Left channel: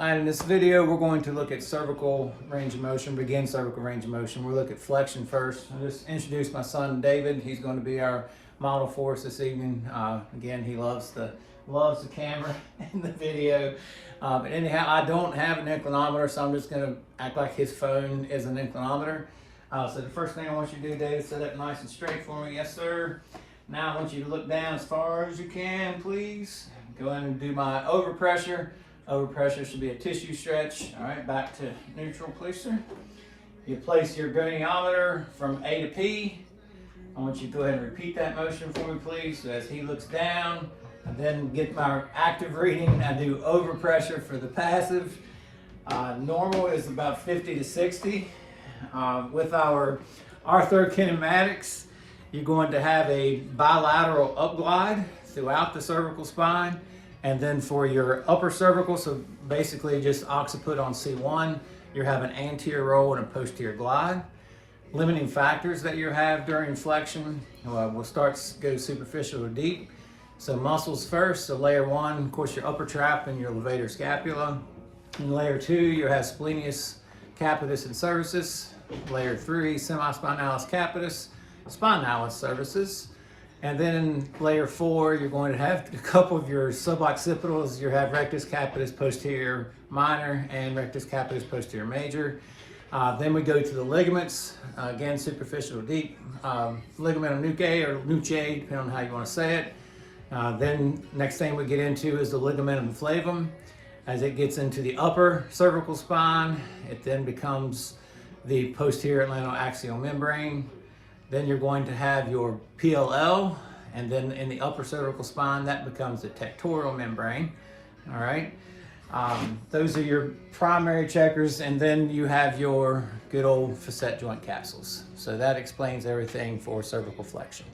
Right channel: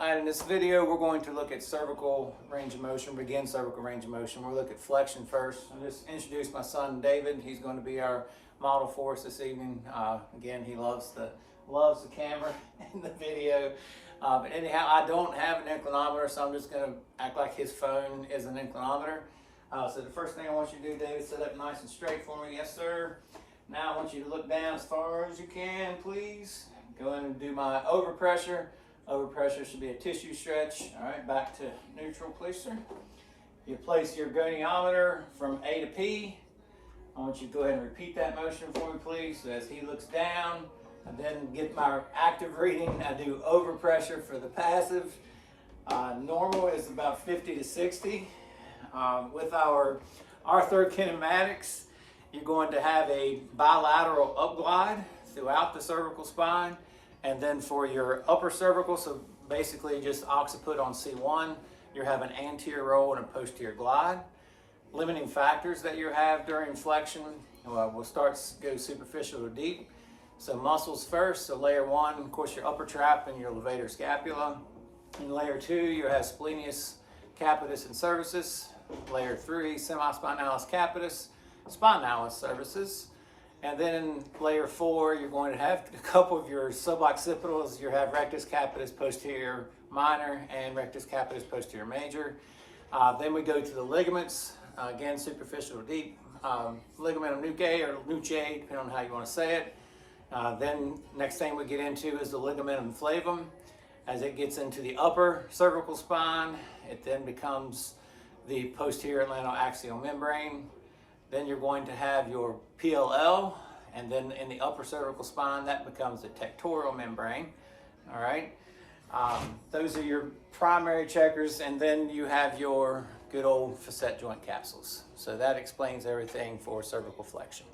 In this video, we're going to look at cervical range of motion, begin cervical range of motion. We'll look at flexion first. I'll just introduce my son, David. He's going to be our model for us this evening. Again, he loves the camera in the video. But anyhow, I don't have an inclinometer, so I'm just going to act like his phone is an inclinometer. So the first thing I want you to do, David, sit up nice and straight for me. Yes, sir. Now I want you to look down as far as you can, please. Go in and do my overpressure. Overpressure should be a tissue stretch. All right, back to neutral, please, sir. You place your goniometer from A to P. I want you to go ahead and repeat that motion for me, please. So as he looks down, I then get my active reading. I do overpressure for the passive. Normal is about 50 to 60. With our orthokinematics, you're going to have a bilateral upglide throughout the cervical spine. And then for your upper cervical, so basically just occiput on C1, you have an anterior roll and a posterior glide. Limiting factors that you have during flexion, we'll go superficial to deep. So muscles first, so layer one, of course, your upper trap and your levator scapula. In layer two, you have splenius capitis and cervicis. Layer three, semispinalis capitis, spinalis cervicis. And then in layer four, you're going to have a couple of your suboccipitals. You have rectus capitis posterior minor and rectus capitis posterior major. Then we go to the ligaments, again, superficial or deep. Ligamentum nuchae or nuchae, depending on how you want to say it. Then next thing we get into is the ligamentum flavum. As it gets into the upper cervical spine, it then becomes the posterior atlantoaxial membrane. Then you're going to have your PLL, and then in the upper cervical spine, that becomes the tectorial membrane. All right. Those are your primary checkers, and then you have your good old facet joint capsules. So that explains everything for cervical flexion.